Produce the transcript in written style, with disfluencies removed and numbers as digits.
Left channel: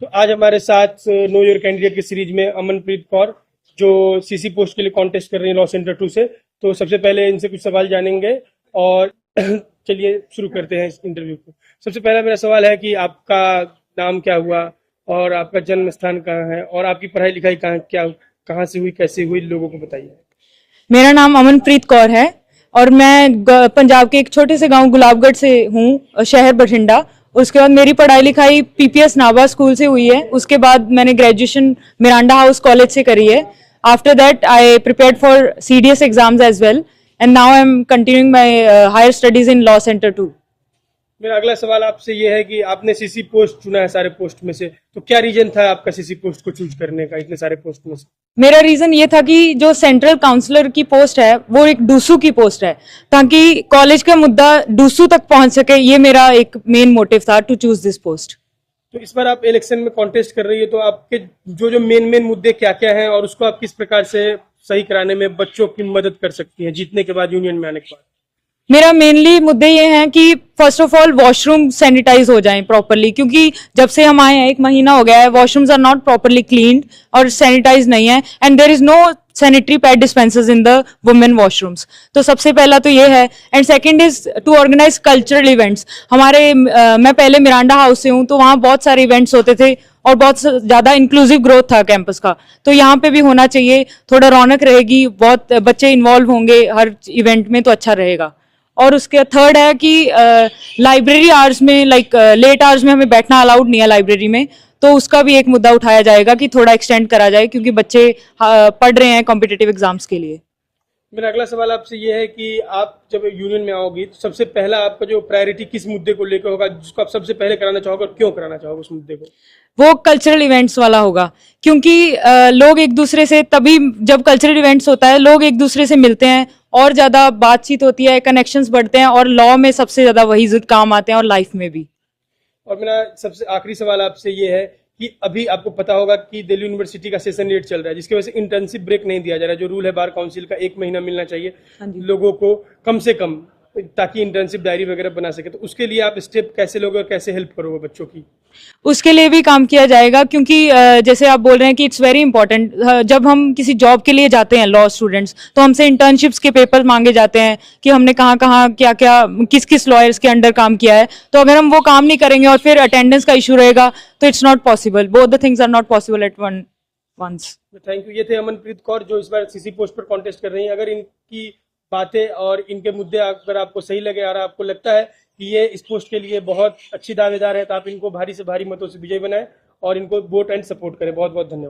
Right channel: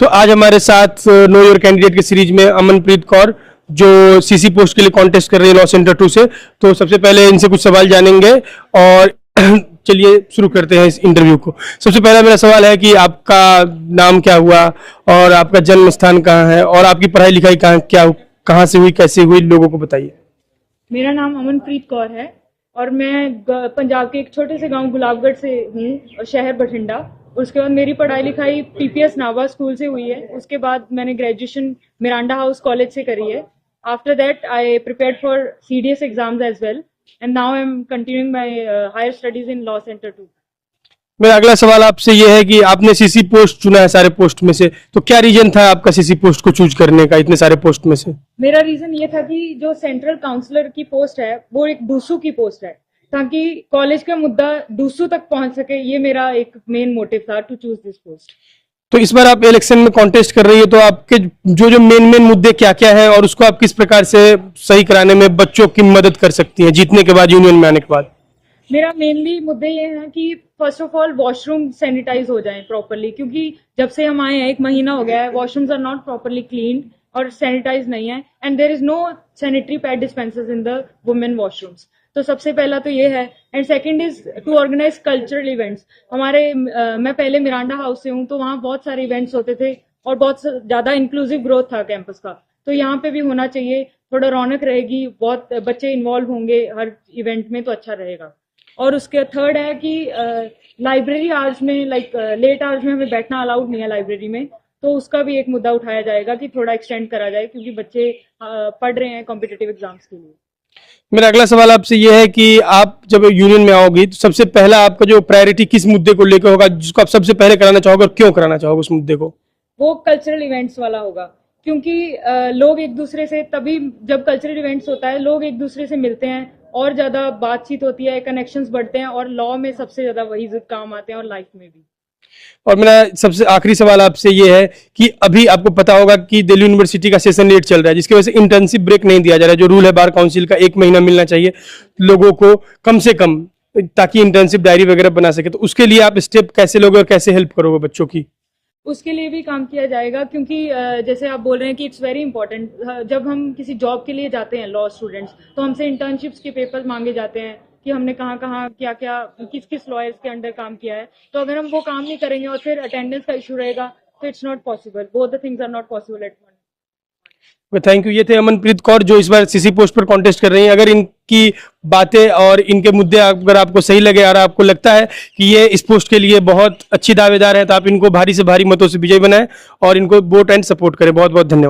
तो आज हमारे साथ नो योर कैंडिडेट के सीरीज में अमनप्रीत कौर जो सीसी पोस्ट के लिए कॉन्टेस्ट कर रही है लॉ सेंटर 2 से। तो सबसे पहले इनसे कुछ सवाल जानेंगे और चलिए शुरू करते हैं इस इंटरव्यू को। सबसे पहला मेरा सवाल है कि आपका नाम क्या हुआ और आपका जन्म स्थान कहाँ है और आपकी पढ़ाई लिखाई कहाँ से हुई, कैसे हुई, लोगों को बताइए। मेरा नाम अमनप्रीत कौर है और मैं पंजाब के एक छोटे से गांव गुलाबगढ़ से हूँ, शहर बठिंडा। उसके बाद मेरी पढ़ाई लिखाई पीपीएस नाभा स्कूल से हुई है। उसके बाद मैंने ग्रेजुएशन मिरांडा हाउस कॉलेज से करी है। After that I prepared for CDS exams as well and now I am continuing my higher studies in law centre 2। मेरा अगला सवाल आपसे ये है कि आपने सीसी पोस्ट चुना है सारे पोस्ट में से, तो क्या रीजन था आपका सीसी पोस्ट को चूज करने का इतने सारे पोस्ट में से? मेरा रीजन ये था कि जो सेंट्रल काउंसलर की पोस्ट है वो एक डूसू की पोस्ट है, ताकि कॉलेज का मुद्दा डूसू तक पहुंच सके। ये मेरा एक मेन मोटिव था टू चूज दिस पोस्ट। तो इस बार आप इलेक्शन में कॉन्टेस्ट कर रही है, तो आपके जो मेन मुद्दे क्या क्या हैं और उसको आप किस प्रकार से सही कराने में बच्चों की मदद कर सकती हैं जीतने के बाद, यूनियन में आने के बाद? मेरा मेनली मुद्दे ये हैं कि first of all washroom sanitise हो जाएं प्रॉपरली, क्योंकि जब से हम आए हैं 1 महीना हो गया है, washrooms are not properly cleaned और सैनिटाइज नहीं है and there is no sanitary pad dispensers in the women washrooms. तो सबसे पहला तो ये है and second is to organise cultural events. हमारे मैं पहले मिरांडा हाउस से हूँ, तो वहाँ बहुत सारे इवेंट्स होते थे और बहुत ज्यादा इंक्लूसिव ग्रोथ था कैंपस का। तो यहाँ पे भी होना चाहिए, थोड़ा रौनक रहेगी, बहुत बच्चे इन्वॉल्व होंगे हर इवेंट में, तो अच्छा रहेगा। और उसके थर्ड है कि लाइब्रेरी आवर्स में लेट आवर्स में हमें बैठना अलाउड नहीं है लाइब्रेरी में, तो उसका भी एक मुद्दा उठाया जाएगा कि थोड़ा एक्सटेंड करा जाए, क्योंकि बच्चे पढ़ रहे हैं कॉम्पिटिटिव एग्जाम्स के लिए। मेरा अगला सवाल आपसे ये है कि आप जब यूनियन में आओगी तो सबसे पहला आपका जो प्रायोरिटी किस मुद्दे को लेकर होगा, जिसको आप सबसे पहले कराना चाहोगे और क्यों कराना चाहोगे उस मुद्दे को? वो कल्चरल इवेंट्स वाला होगा, क्योंकि लोग एक दूसरे से, तभी जब कल्चरल इवेंट्स होता है लोग एक दूसरे से मिलते हैं और ज्यादा बातचीत होती है, कनेक्शंस बढ़ते हैं और लॉ में सबसे ज्यादा वही काम आते हैं और लाइफ में भी। और मेरा सबसे आखिरी सवाल आपसे ये है कि अभी आपको पता होगा कि दिल्ली यूनिवर्सिटी का सेशन 8 चल रहा है, जिसकी वजह से इंटर्नशिप ब्रेक नहीं दिया जा रहा है। जो रूल है बार काउंसिल का 1 महीना मिलना चाहिए लोगों को कम से कम, ताकि इंटर्नशिप डायरी वगैरह बना सके। तो उसके लिए आप स्टेप कैसे लोगे और कैसे हेल्प करोगे बच्चों की? उसके लिए भी काम किया जाएगा, क्योंकि जैसे आप बोल रहे हैं कि इट्स वेरी इंपॉर्टेंट। जब हम किसी जॉब के लिए जाते हैं लॉ स्टूडेंट्स, तो हमसे इंटर्नशिप्स के पेपर मांगे जाते हैं कि हमने कहाँ कहाँ क्या क्या किस किस लॉयर्स के अंडर काम किया है। तो अगर हम वो काम नहीं करेंगे और फिर अटेंडेंस का इशू रहेगा तो it's not possible, both the things are not possible at once. Thank you. ये थे अमनप्रीत कौर जो इस बार सीसी पोस्ट पर कॉन्टेस्ट कर रही हैं। अगर इनकी बातें और इनके मुद्दे अगर आपको सही लगे और आपको लगता है कि ये इस पोस्ट के लिए बहुत अच्छी दावेदार है, तो आप इनको भारी से भारी मतों से विजयी बनाएं और इनको वोट एंड सपोर्ट करें। बहुत बहुत धन्यवाद।